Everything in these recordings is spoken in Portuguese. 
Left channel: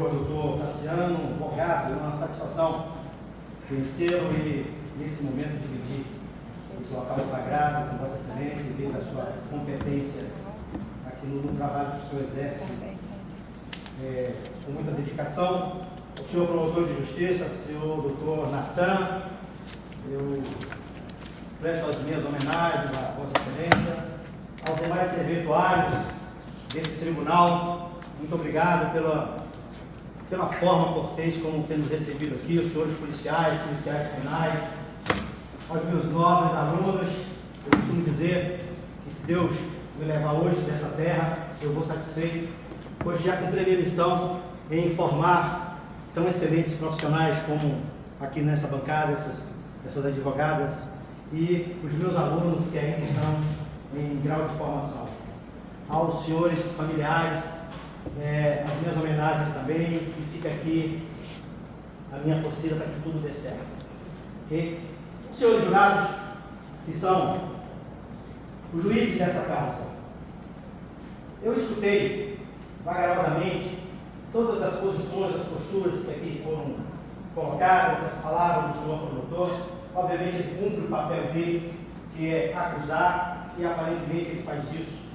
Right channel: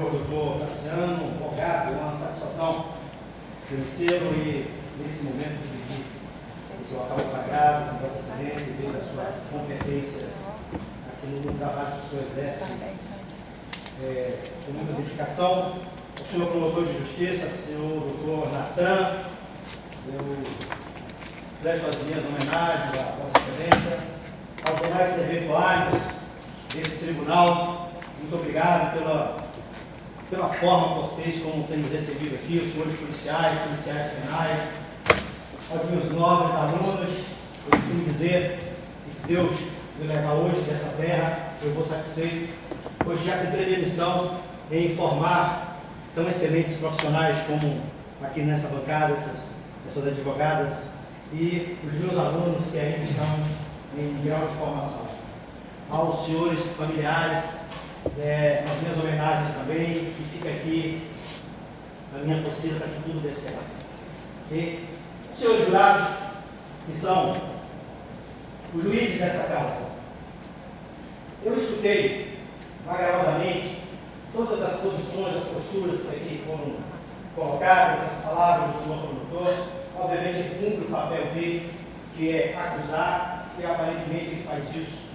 senhor doutor Tassiano Morgado, é uma satisfação conhecê-lo e, nesse momento, dirigir esse local sagrado, com Vossa Excelência e devido à sua competência aqui no trabalho que o senhor exerce com muita dedicação. O senhor promotor de justiça, senhor doutor Natan, eu presto as minhas homenagens à Vossa Excelência, aos demais servidores desse tribunal. Muito obrigado pela forma cortês como temos recebido aqui, os senhores policiais penais, aos meus nobres alunos. Eu costumo dizer que se Deus me levar hoje dessa terra, eu vou satisfeito, pois já cumpri a minha missão em formar tão excelentes profissionais como aqui nessa bancada, essas advogadas e os meus alunos que ainda estão em grau de formação. Aos senhores familiares, as minhas homenagens também, e fica aqui a minha torcida para que tudo dê certo. E os senhores jurados, que são os juízes dessa causa, eu escutei vagarosamente todas as posições, as posturas que aqui foram colocadas, as palavras do senhor promotor. Obviamente ele cumpre o papel dele, que é acusar, e aparentemente ele faz isso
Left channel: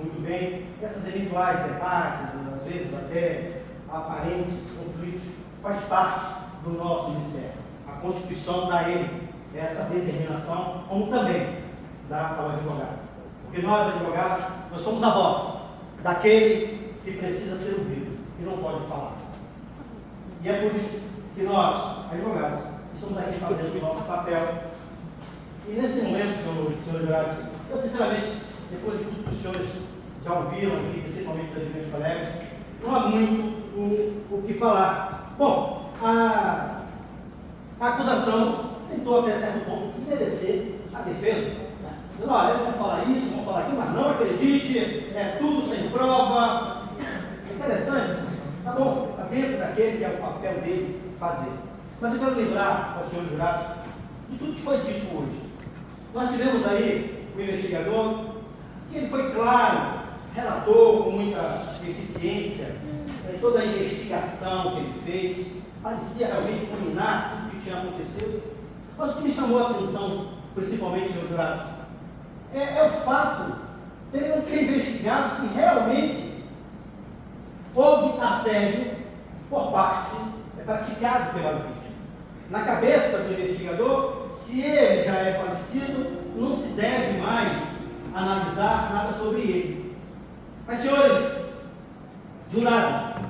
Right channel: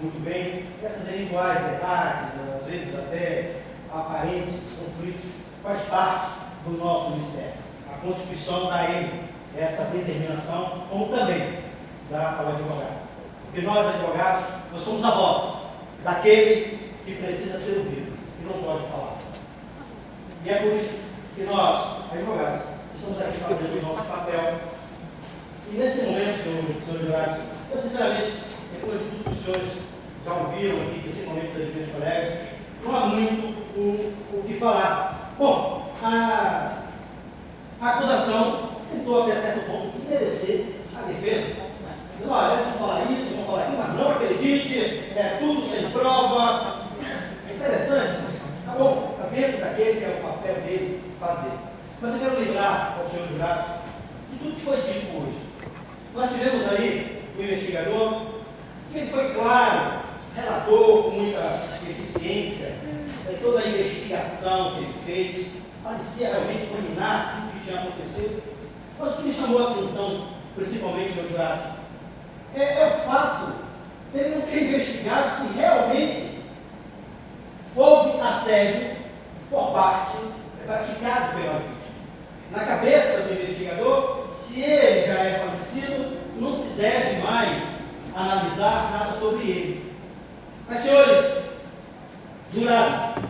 muito bem. Essas eventuais debates, às vezes até aparentes conflitos, faz parte do nosso ministério. A Constituição dá a ele essa determinação, como também dá ao advogado. Porque nós, advogados, nós somos a voz daquele que precisa ser ouvido e não pode falar. E é por isso que nós, advogados, estamos aqui fazendo o nosso papel. E nesse momento, senhor jurados, eu sinceramente, depois de tudo que os senhores já ouviram aqui, principalmente das minhas colegas, não há muito o que falar. Bom, a acusação tentou até certo ponto desmerecer a defesa. Dizendo, olha, eles vão falar isso, vão falar aquilo, mas não acredite, é tudo sem prova. É interessante, tá bom, está dentro daquele que é o papel dele fazer. Mas eu quero lembrar aos senhores jurados de tudo que foi dito hoje. Nós tivemos aí o investigador, que ele foi claro, relatou com muita eficiência toda a investigação que ele fez, parecia realmente culminar tudo o que tinha acontecido. Mas o que me chamou a atenção, principalmente, senhores jurados, é o fato de ele não ter investigado se realmente houve assédio por parte praticado pela vítima. Na cabeça do investigador, se ele já é falecido, não se deve mais analisar nada sobre ele. Mas, senhores jurados,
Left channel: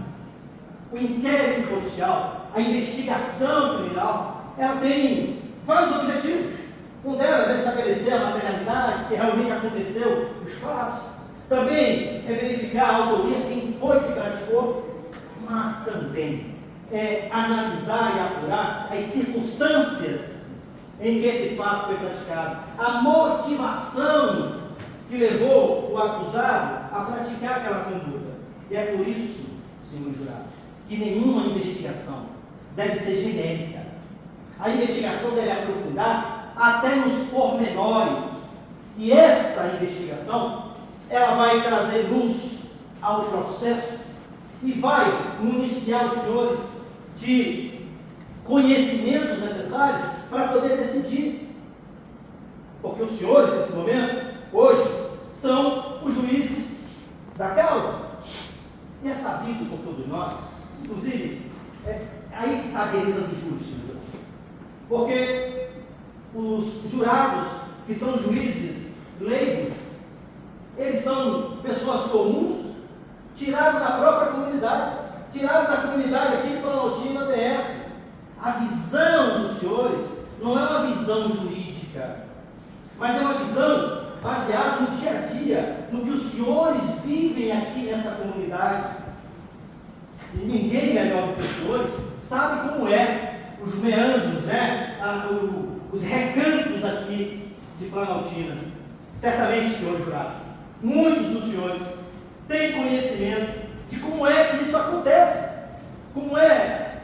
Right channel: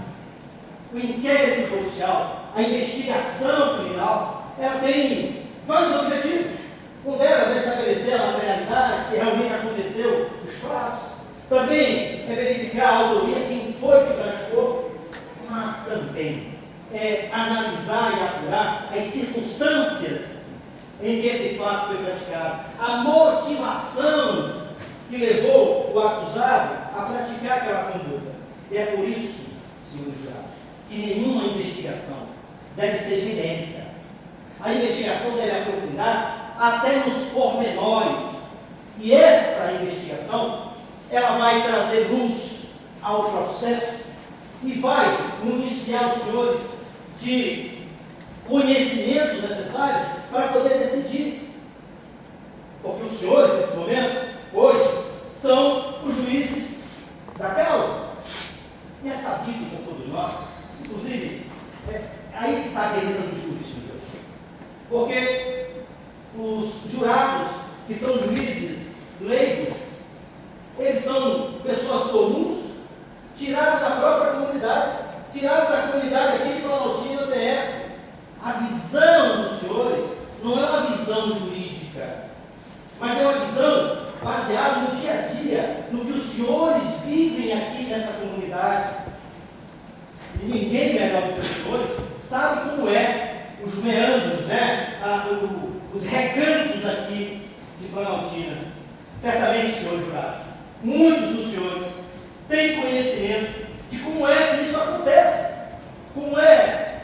o inquérito policial, a investigação criminal, ela tem vários objetivos. Um delas é estabelecer a materialidade, se realmente aconteceu os fatos. Também é verificar a autoria, quem foi que praticou, mas também é analisar e apurar as circunstâncias em que esse fato foi praticado, a motivação que levou o acusado a praticar aquela conduta. E é por isso, senhores jurados, que nenhuma investigação deve ser genérica. A investigação deve aprofundar até nos pormenores. E essa investigação, ela vai trazer luz ao processo e vai municiar os senhores de conhecimentos necessários para poder decidir. Porque os senhores, nesse momento, hoje, são os juízes da causa. E é sabido por todos nós, inclusive, é aí que está a beleza do júri, senhor. Porque os jurados, que são juízes leigos, eles são pessoas comuns, tirados da própria comunidade, tirados da comunidade aqui de Planaltina, DF. A visão dos senhores não é uma visão jurídica, mas é uma visão baseada no dia a dia, no que os senhores vivem aqui nessa comunidade. E ninguém melhor do que os senhores sabe como é os meandros, os recantos aqui de Planaltina. Certamente, senhores jurados, muitos dos senhores têm conhecimento de como é que isso acontece, como é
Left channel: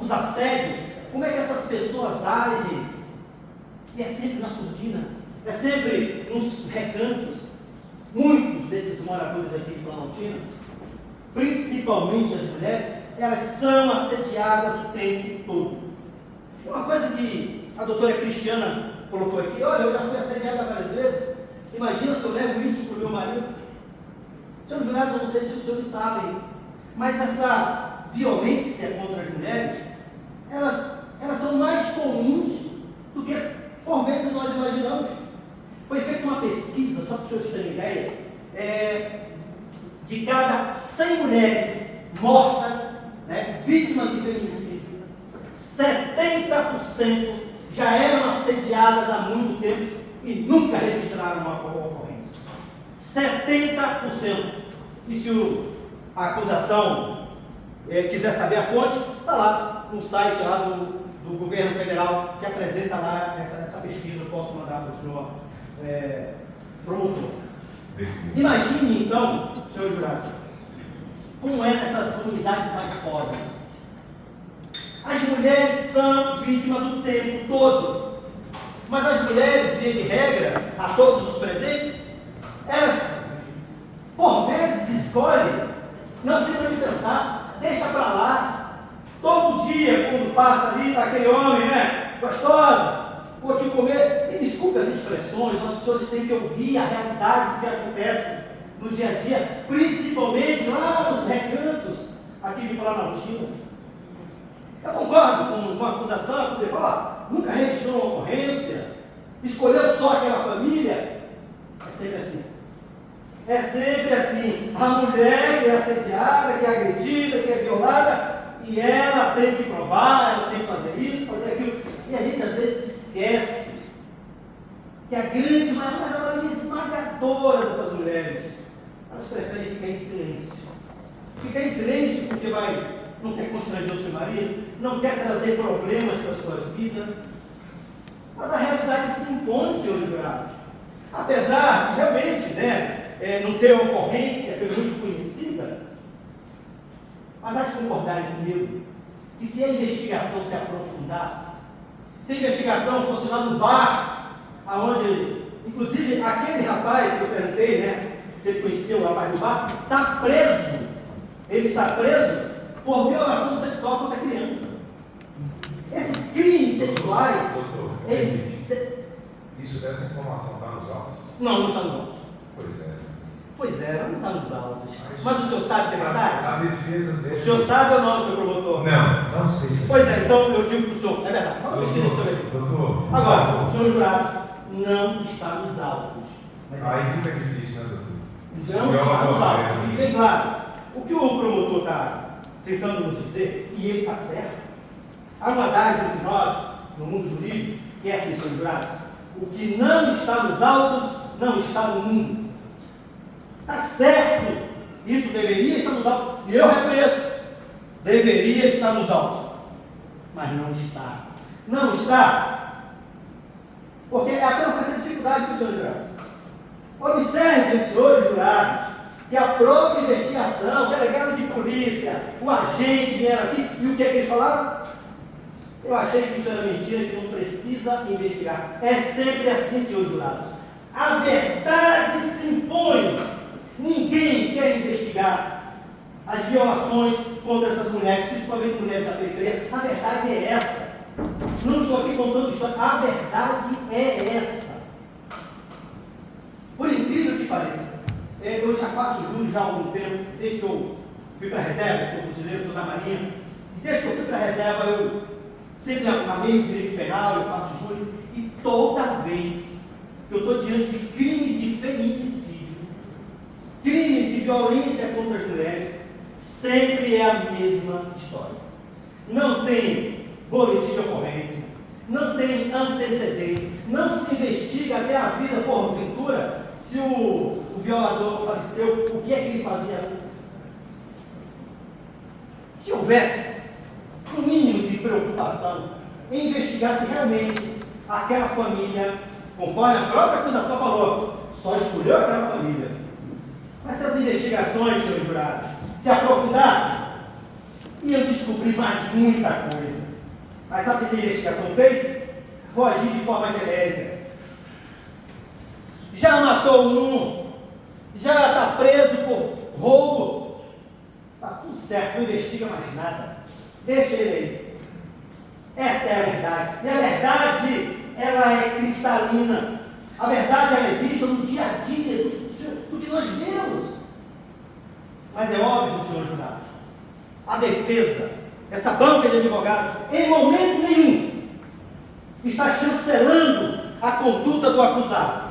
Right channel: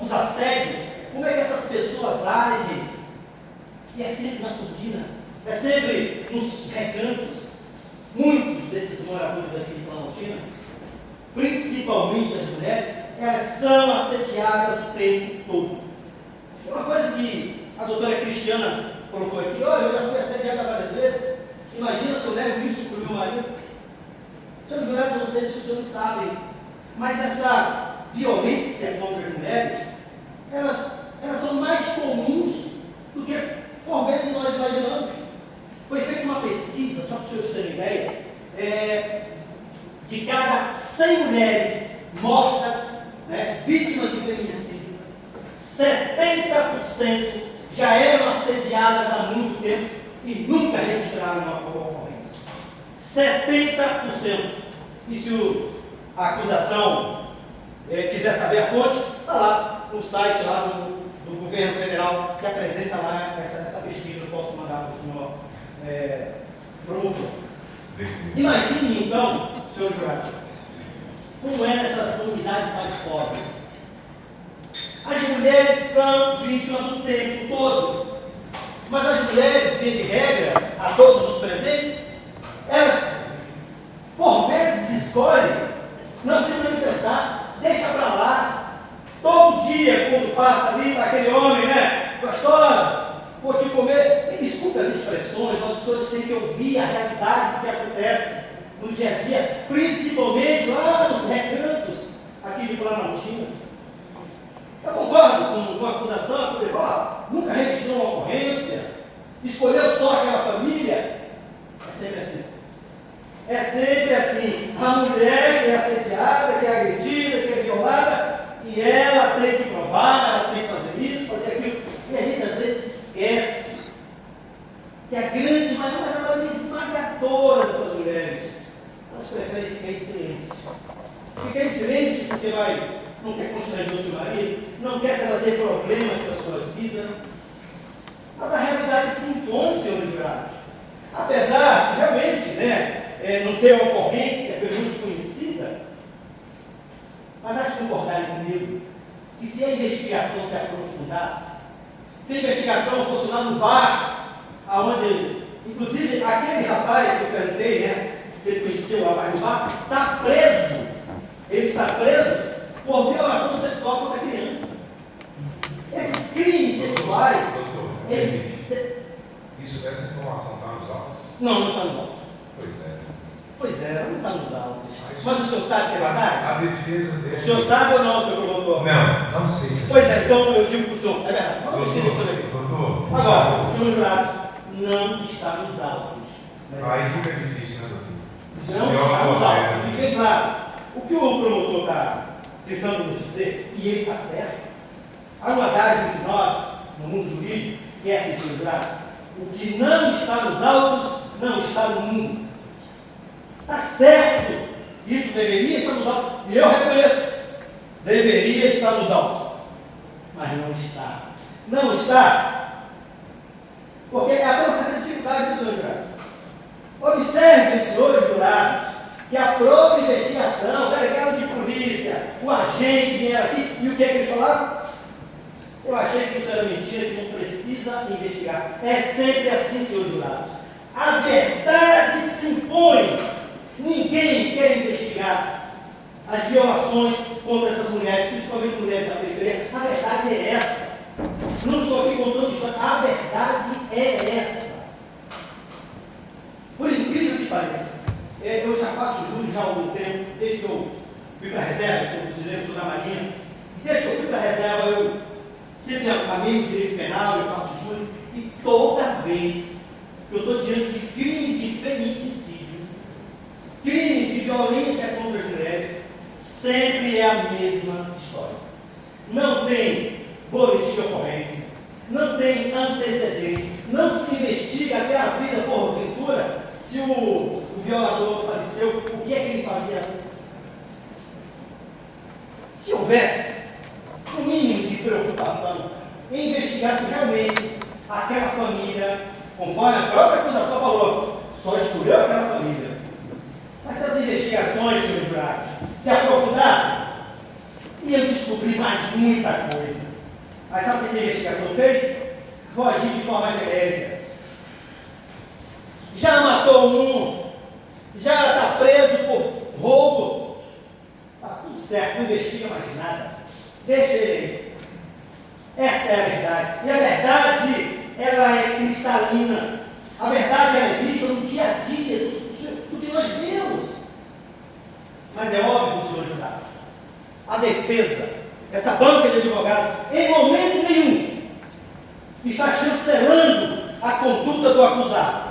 os assédios, como é que essas pessoas agem. E é sempre na surdina, é sempre nos recantos. Muitos desses moradores aqui de Planaltina, principalmente as mulheres, elas são assediadas o tempo todo. Uma coisa que a doutora Cristiana colocou aqui: olha, eu já fui assediada várias vezes. Imagina se eu levo isso para o meu marido. Senhores jurados, eu não sei se os senhores sabem, mas essa violência contra as mulheres, elas são mais comuns do que por vezes nós imaginamos. Foi feita uma pesquisa, só para os senhores terem ideia, de cada 100 mulheres mortas, vítimas de feminicídio, 70% já eram assediadas há muito tempo e nunca registraram uma ocorrência. 70%. E se a acusação quiser saber a fonte, está lá no site lá do governo federal, que apresenta lá essa pesquisa. Eu posso mandar para o senhor promotor. Imagine então, senhor jurado, como é nessas comunidades mais pobres. As mulheres são vítimas o tempo todo, mas as mulheres, via de regra, a todos os presentes, elas por vezes escolhem não se manifestar, deixa para lá. Todo dia, quando passa ali, está aquele homem, gostosa, vou te comer. Me desculpe as expressões, nós senhores têm que ouvir a realidade do que acontece no dia a dia, principalmente lá nos recantos aqui de Planaltina. Eu concordo com a acusação, porque nunca registrou uma ocorrência, escolheu só aquela família. É sempre assim. É sempre assim. A mulher que é assediada, que é agredida, que é violada, e ela tem que provar, ela tem que fazer isso, fazer aquilo. E a gente às vezes esquece que a grande maioria esmagadora dessas mulheres, elas preferem ficar em silêncio. Ficar em silêncio porque não quer constranger o seu marido, não quer trazer problemas para a sua vida. Mas a realidade se impõe, senhores jurados. Apesar de realmente, não ter uma ocorrência pelo menos conhecida, mas há de concordarem comigo que se a investigação se aprofundasse, se a investigação fosse lá no bar, aonde, inclusive, aquele rapaz que eu cantei, você conheceu o rapaz do bar, está preso. Ele está preso por violação sexual contra a criança. Esses crimes sexuais. Essa informação está nos autos? Não está nos autos. Pois é, não está nos autos. Mas o senhor sabe que é verdade? A defesa dele. O senhor sabe ou não, senhor promotor? Não sei. Pois é, então eu digo para o senhor, é verdade. Doutor. Agora, senhor jurado, não está nos autos. Aí fica difícil, doutor? Não está nos autos. Fique bem claro. O que o promotor está tentando nos dizer, e ele está certo, há uma adagem entre nós, no mundo jurídico, que é assim, senhor jurado: o que não está nos autos, não está no mundo. Está certo, isso deveria estar nos autos, e eu reconheço, deveria estar nos autos, mas não está. Não está, porque há até uma certa dificuldade para os senhores jurados. Observem, senhores jurados, que a própria investigação, o delegado de polícia, o agente vieram aqui, e o que é que eles falaram? Eu achei que isso era mentira, que não precisa investigar. É sempre assim, senhores jurados. A verdade se impõe. Ninguém quer investigar as violações contra essas mulheres, principalmente mulheres da periferia. A verdade é essa. Não estou aqui contando história. A verdade é essa. Por incrível que pareça, eu já faço júri já há algum tempo, desde que eu fui para a reserva, sou fuzileiro, sou da Marinha, e desde que eu fui para a reserva, eu sempre amei direito penal, eu faço júri, e toda vez que eu estou diante de crimes de feminicídio, crimes de violência contra as mulheres, sempre é a mesma história. Não tem boletim de ocorrência, não tem antecedentes, não se investiga até a vida porventura se o violador faleceu, o que é que ele fazia antes. Se houvesse um mínimo de preocupação em investigar se realmente aquela família, conforme a própria acusação falou, só escolheu aquela família. Mas se as investigações, senhores jurados, se aprofundassem, iam descobrir mais muita coisa. Mas sabe o que a investigação fez? Vou agir de forma genérica. Já matou um, já está preso por roubo. Está tudo certo, não investiga mais nada. Deixa ele aí. Essa é a verdade. E a verdade, ela é cristalina. A verdade, ela é vista no dia a dia do que nós vemos. Mas é óbvio, senhor Jurado, a defesa, essa banca de advogados, em momento nenhum, está chancelando a conduta do acusado.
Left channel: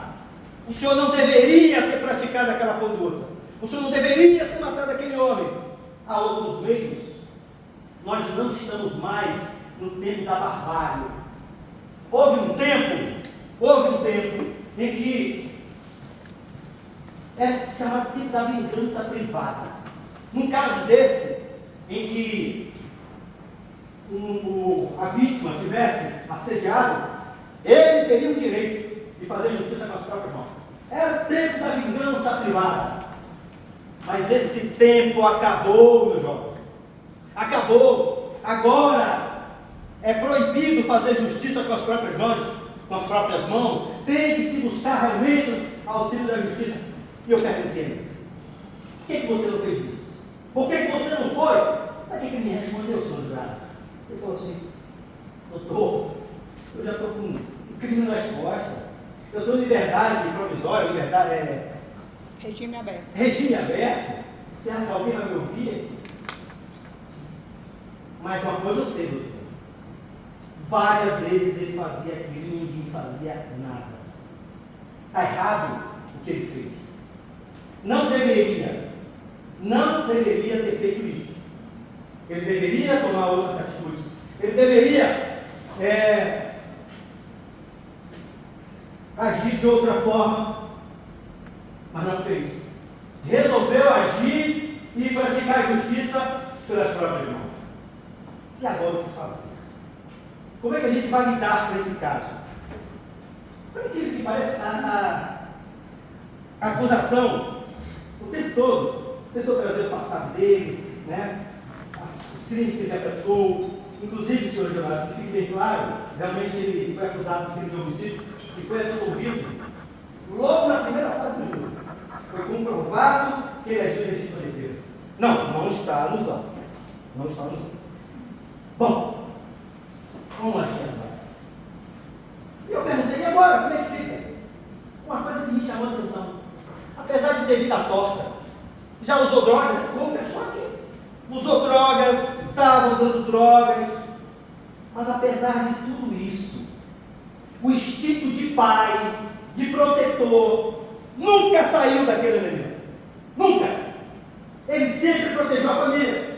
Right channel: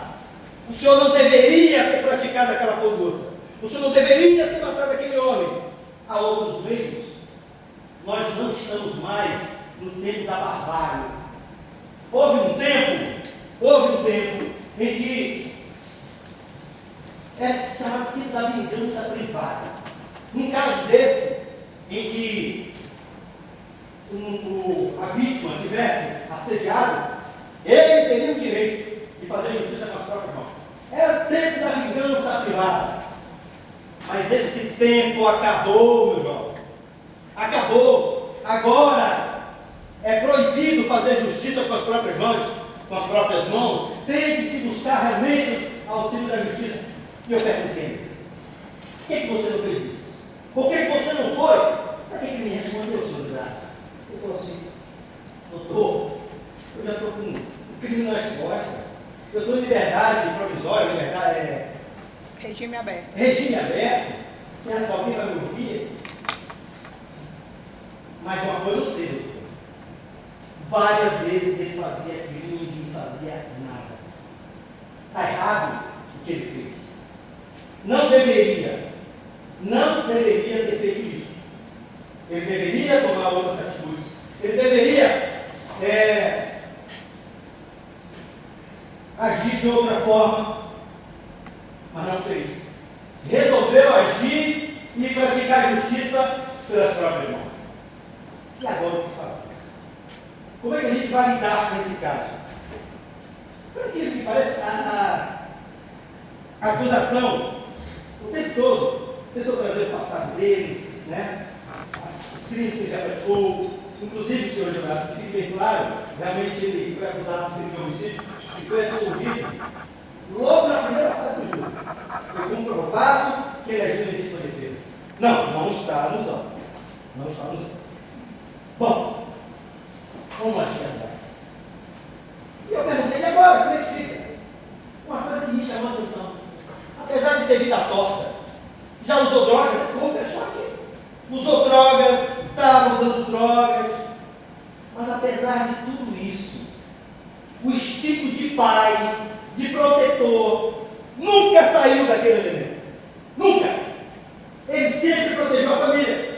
O senhor não deveria ter praticado aquela conduta. O senhor não deveria ter matado aquele homem. Há outros meios. Nós não estamos mais no tempo da barbárie. Houve um tempo em que é chamado tempo da vingança privada. Num caso desse, em que a vítima tivesse assediado, ele teria o direito de fazer justiça com as próprias mãos. Era o tempo da vingança privada. Mas esse tempo acabou, meu jovem. Acabou. Agora é proibido fazer justiça com as próprias mãos. Tem que se buscar realmente auxílio da justiça. E eu perguntei: por que você não fez isso? Por que você não foi? Sabe o que ele me respondeu, senhor Jurado? Ele falou assim: doutor, eu já estou com um crime nas costas. Eu estou em liberdade provisória, regime aberto. Regime aberto. Você acha que alguém vai me ouvir? Mas uma coisa eu sei, doutor. Várias vezes ele fazia aquilo e ninguém fazia nada. Está errado o que ele fez. Não deveria ter feito isso. Ele deveria tomar outras atitudes. Ele deveria agir de outra forma, mas não fez. Resolveu agir e praticar a justiça pelas próprias mãos. E agora o que fazer? Como é que a gente vai lidar com esse caso? Por incrível que pareça, a acusação, o tempo todo, tentou trazer o passado dele, né? Os crimes que ele já praticou, inclusive, senhor advogado, que fique bem claro, realmente ele foi acusado de crime de homicídio e foi absolvido logo na primeira fase do jogo. Foi comprovado que ele agiu em legítima defesa. Não está nos autos. Não está nos autos. Bom, vamos lá, agora. E eu perguntei: e agora, como é que fica? Uma coisa que me chamou a atenção. Apesar de ter vida torta, já usou drogas, confessou aqui. Usou drogas, estava usando drogas. Mas apesar de tudo isso, o instinto de pai, de protetor, nunca saiu daquele elemento. Nunca. Ele sempre protegeu a família.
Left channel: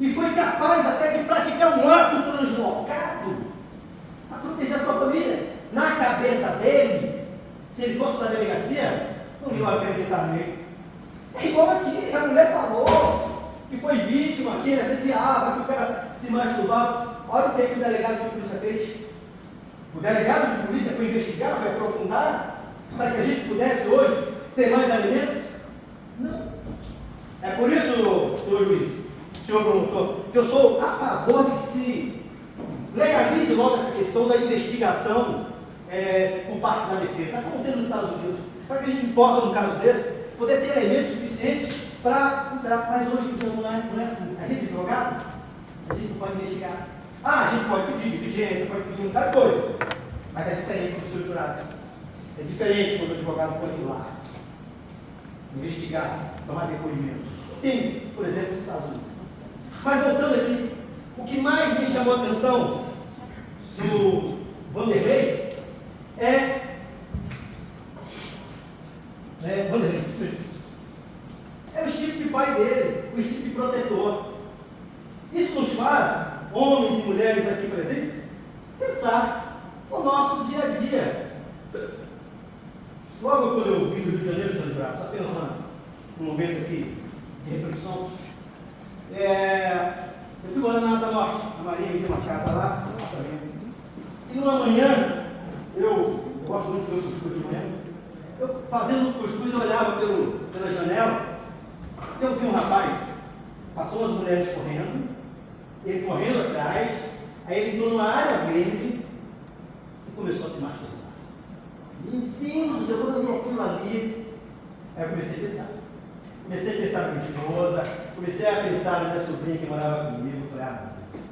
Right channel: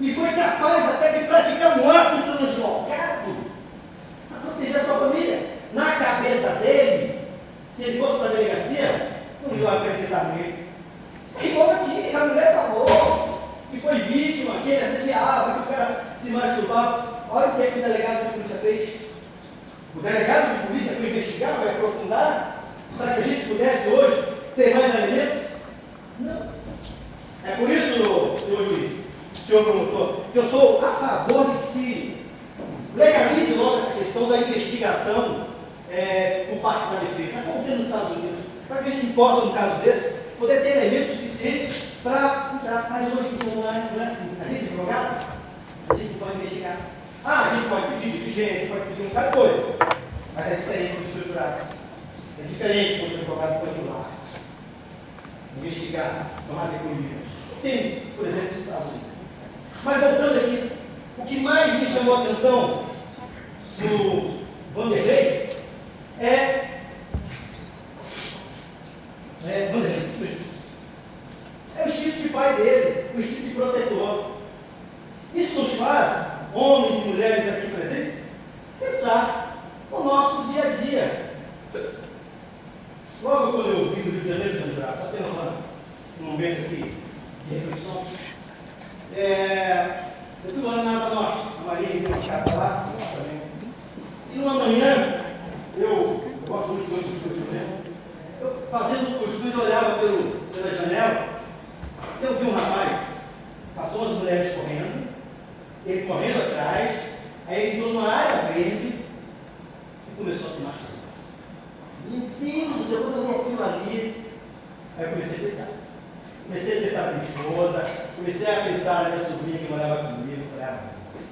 E foi capaz até de praticar um ato translocado para proteger a sua família. Na cabeça dele, se ele fosse para a delegacia, não iam acreditar nele. É igual aqui, a mulher falou que foi vítima, que ele assediava, que o cara se masturbava. Olha o que o delegado de polícia fez. O delegado de polícia foi investigar, vai aprofundar, para que a gente pudesse hoje ter mais alimentos? Não. É por isso, senhor juiz, senhor promotor, que eu sou a favor de se legalize logo essa questão da investigação por parte da defesa, como tem nos Estados Unidos, para que a gente possa, no caso desse, poder ter elementos suficientes para entrar. Mas hoje não é assim. A gente é drogado, a gente pode investigar. A gente pode pedir diligência, pode pedir muita coisa, mas é diferente do seu jurado. É diferente quando o advogado pode ir lá, investigar, tomar depoimentos. Tem, por exemplo, nos Estados Unidos. Mas voltando aqui, o que mais me chamou a atenção do Vanderlei é o instinto de pai dele, o instinto de protetor. Isso nos faz, homens e mulheres aqui presentes, pensar no nosso dia a dia. Logo quando eu vim do Rio de Janeiro, senhor jurado, só apenas um momento aqui de reflexão. Eu fui morar na Asa Norte, a Maria me deu uma casa lá, e numa manhã, eu gosto muito do cuscuz, né? Eu fazendo cuscuz, eu olhava pela janela, eu vi um rapaz, passou as mulheres correndo, ele correndo atrás, aí ele entrou numa área verde e começou a se machucar. Meu Deus, eu vi aquilo ali. Aí eu comecei a pensar na minha esposa, comecei a pensar na minha sobrinha que morava comigo, falei, ah, Deus.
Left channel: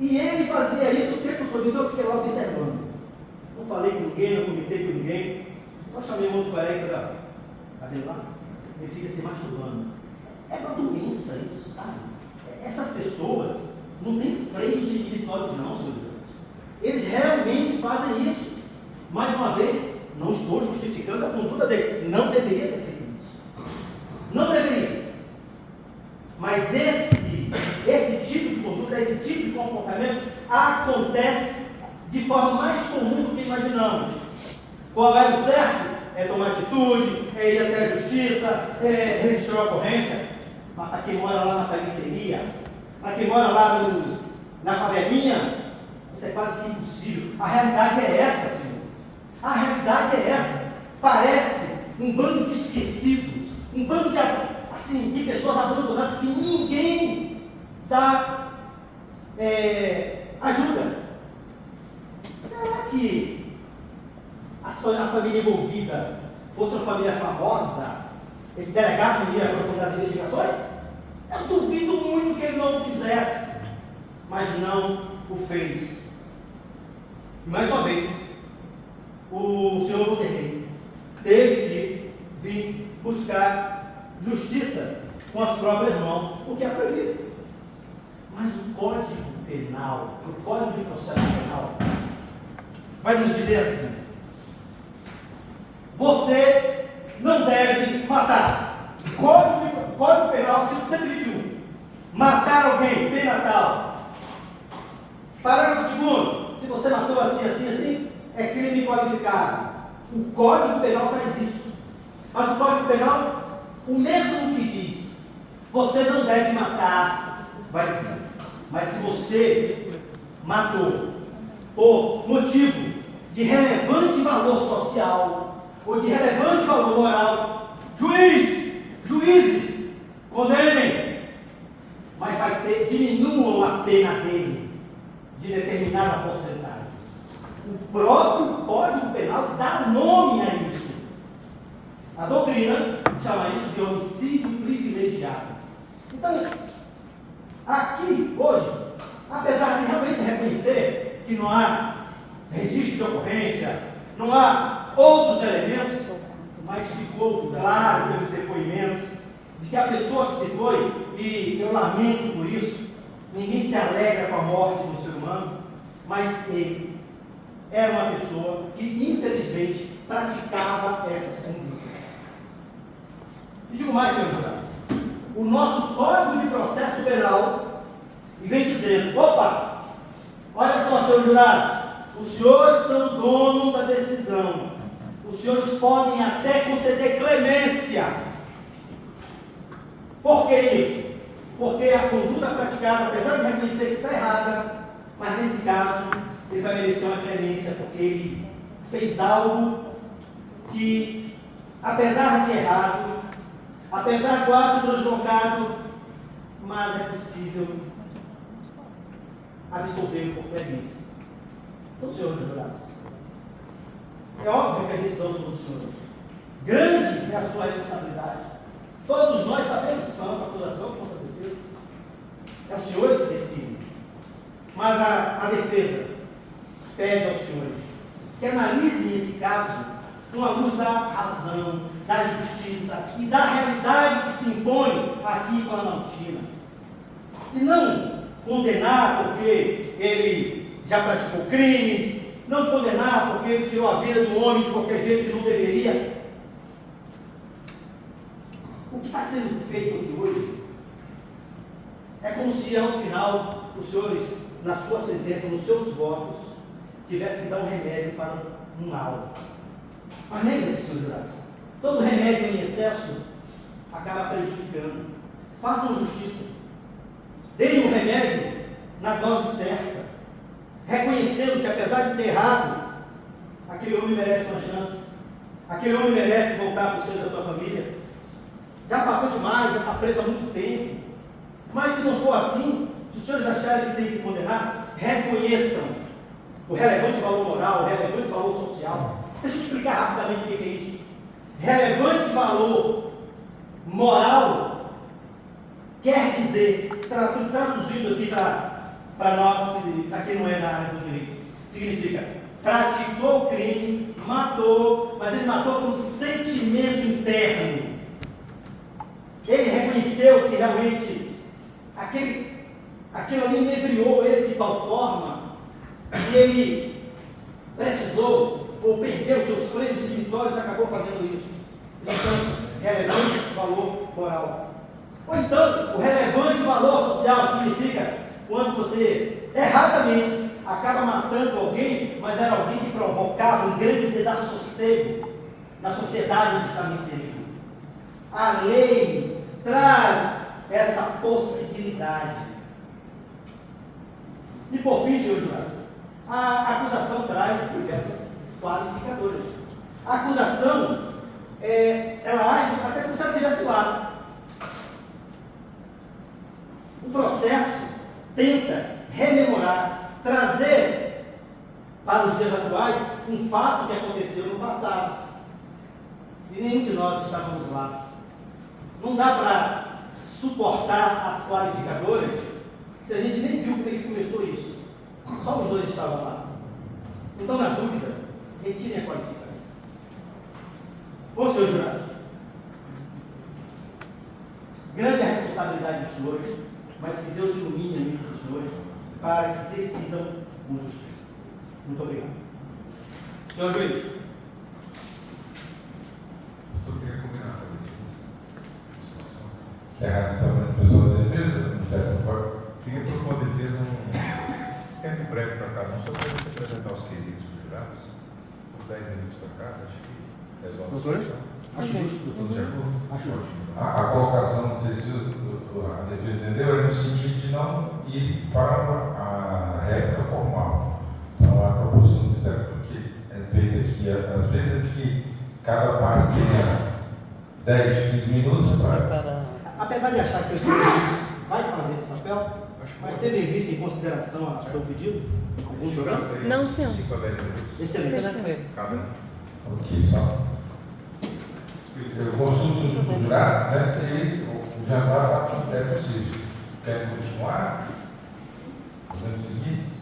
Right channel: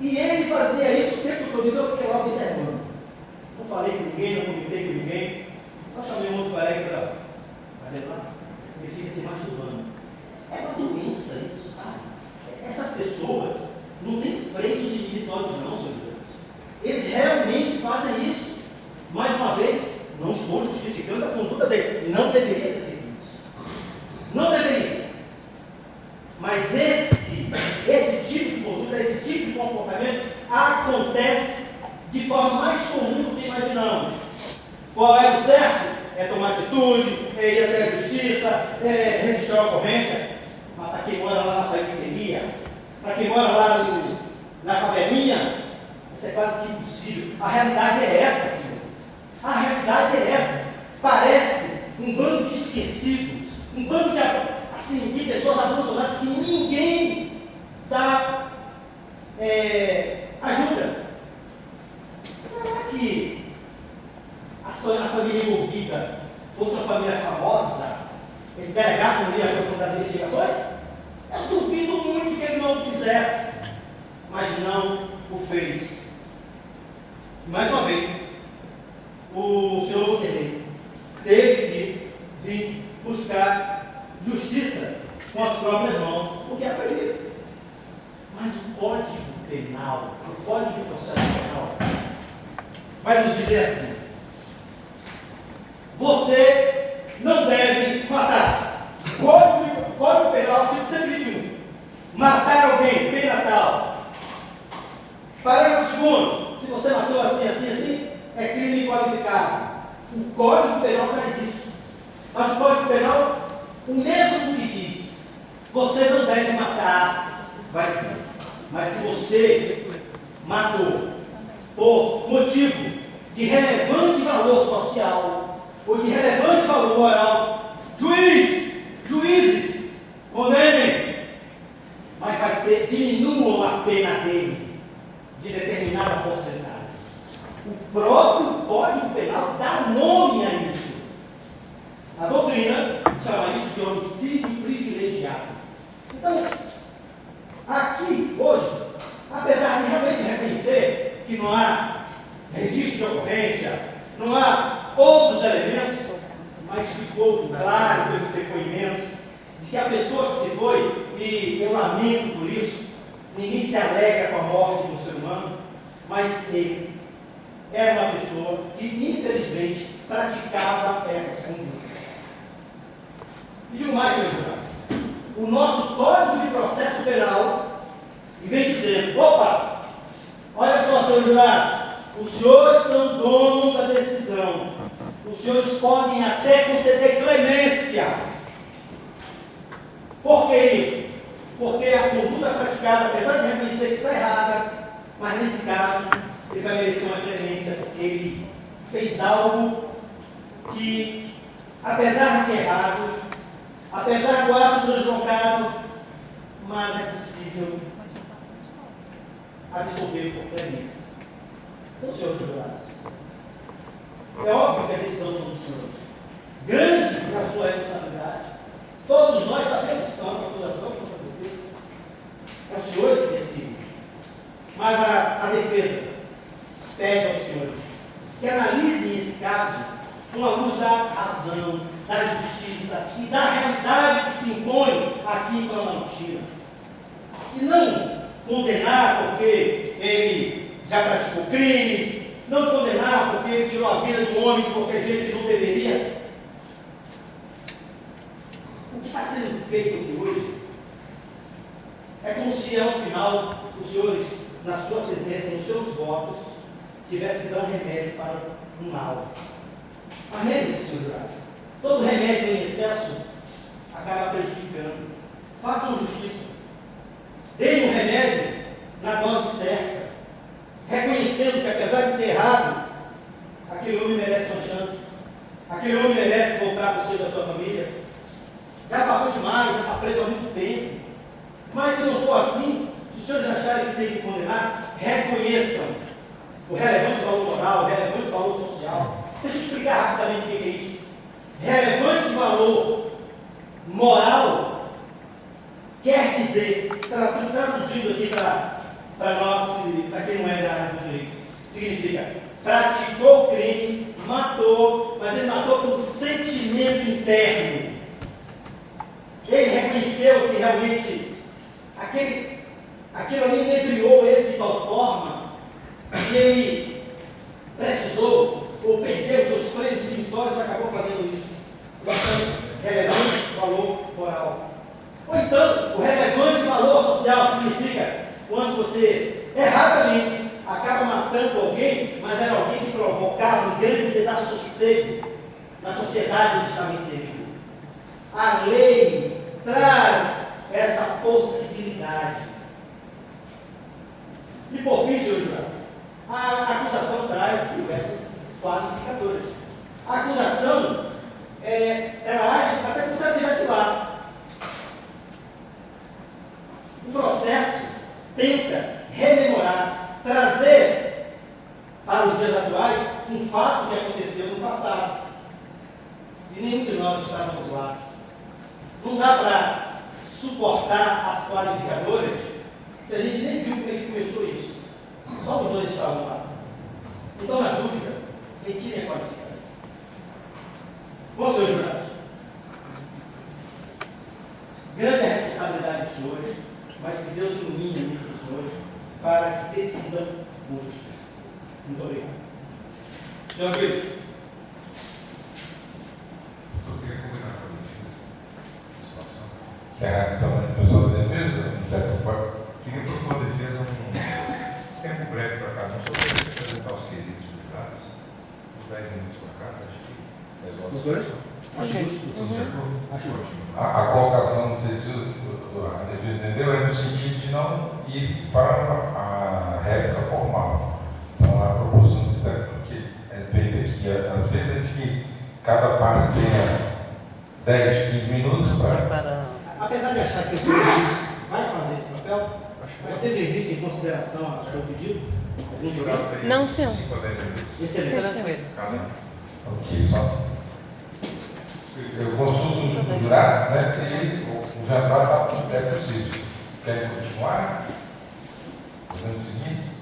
E ele fazia isso o tempo todo, então eu fiquei logo observando. Não falei com ninguém, não comentei com ninguém, só chamei um outro colega e falei, ó, tá vendo lá? Ele fica se masturbando. É uma doença isso, sabe? Essas pessoas não têm freios individuais não, senhor Deus. Eles realmente fazem isso. Mais uma vez, não estou justificando a conduta dele. Não deveria ter feito isso. Não deveria. Mas esse tipo de conduta, esse tipo de comportamento acontece de forma mais comum do que imaginamos. Qual é o certo? É tomar atitude, é ir até a justiça, é registrar a ocorrência. Mas para quem mora lá na periferia, para quem mora lá na favelinha, isso é quase que impossível. A realidade é essa, senhores. A realidade é essa. Parece um bando de esquecidos, um bando de pessoas abandonadas que ninguém dá ajuda. Será que a família envolvida fosse uma família famosa, esse delegado não ia aprofundar as investigações? Eu duvido muito que ele não o fizesse, mas não o fez. E mais uma vez, o senhor Vanderlei teve que vir buscar justiça com as próprias mãos, o que é proibido. Mas o Código Penal, o Código de Processo Penal, vai nos dizer assim: você não deve matar. Código Penal, artigo 121. Matar alguém, pena tal. Parágrafo 2º. Se você matou assim, é crime qualificado. O Código Penal faz isso. Mas o Código Penal, o mesmo que diz, você não deve matar, vai dizer. Mas se você matou por motivo de relevante valor social ou de relevante valor moral, juízes, condenem, mas diminuam a pena dele de determinada porcentagem. O próprio Código Penal dá nome a isso. A doutrina chama isso de homicídio privilegiado. Então, aqui, hoje, apesar de realmente reconhecer que não há registro de ocorrência, não há outros elementos, mas ficou claro pelos depoimentos de que a pessoa que se foi, e eu lamento por isso, ninguém se alegra com a morte do ser humano, mas ele era uma pessoa que, infelizmente, praticava essas condutas. E digo mais, senhor juiz, o nosso Código de Processo Penal, e vem dizendo, opa, olha só, senhores jurados, os senhores são donos da decisão, os senhores podem até conceder clemência. Por que isso? Porque a conduta praticada, apesar de reconhecer que está errada, mas nesse caso, ele vai merecer uma clemência, porque ele fez algo que, apesar de errado, apesar do ato deslocado, mas é possível absolver por clemência. Então, senhor jurado, é óbvio que a decisão são do senhor. Grande é a sua responsabilidade. Todos nós sabemos, tanto a acusação quanto a defesa. É o senhor que decide. Mas a defesa pede aos senhores que analisem esse caso com a luz da razão, da justiça e da realidade que se impõe aqui em Planaltina. E não condenar porque ele já praticou crimes, não condenar porque ele tirou a vida de um homem de qualquer jeito que ele não deveria. O que está sendo feito aqui hoje é como se ao final os senhores, na sua sentença, nos seus votos, tivessem dado remédio para um mal. Mas lembre-se, senhor jurado, todo remédio em excesso acaba prejudicando. Façam justiça. Deem o remédio na dose certa, reconhecendo que apesar de ter errado, aquele homem merece uma chance, aquele homem merece voltar para o seio da sua família. Já pagou demais, já está preso há muito tempo. Mas se não for assim, se os senhores acharem que tem que condenar, reconheçam o relevante valor moral, o relevante valor social. Deixa eu explicar rapidamente o que é isso. Relevante valor moral quer dizer, traduzindo aqui para nós, para quem não é da área do direito, significa praticou o crime, matou, mas ele matou com um sentimento interno. Ele reconheceu que realmente aquilo ali inebriou ele de tal forma que ele precisou ou perdeu seus freios espirituais e acabou fazendo isso. Portanto, relevante valor moral. Ou então, o relevante valor social significa quando você erradamente acaba matando alguém, mas era alguém que provocava um grande desassossego na sociedade onde estava inserido. A lei traz essa possibilidade. E por fim, senhor juiz, a acusação traz diversas qualificadoras. A acusação, ela age até como se ela estivesse lá. O processo tenta rememorar, trazer para os dias atuais um fato que aconteceu no passado. E nenhum de nós estávamos lá. Não dá para suportar as qualificadoras se a gente nem viu como é que começou isso. Só os dois estavam lá. Então, na dúvida, retire a qualificadora. Bom, senhor jurado, grande é a responsabilidade dos senhores, mas que Deus ilumine a mente dos senhores para que decidam com justiça. Muito obrigado. Senhor juiz. Eu queria combinar com a defesa. Certo, também o pessoal da defesa, de certa forma. Queria propor a defesa um tempo breve para cada um, só para apresentar os quesitos julgados, uns 10 minutos para cada, acho que resolve. Os dois? Acho ótimo. A colocação, não sei se a defesa entendeu, é no sentido de não ir para a réplica formal. Então, a proposição do Estado que é feita aqui, às vezes, é de que cada parte tenha 10, 15 minutos para. Apesar de achar que o senhor juiz vai fazer esse papel, mas tendo em vista em consideração a seu pedido, Vamos jogar Não, senhor. 5 a 10 minutos. excelente. Cada. Ok, só. Eu consulto do jurado, né? Se o jantar é possível. Querem continuar? Podemos seguir?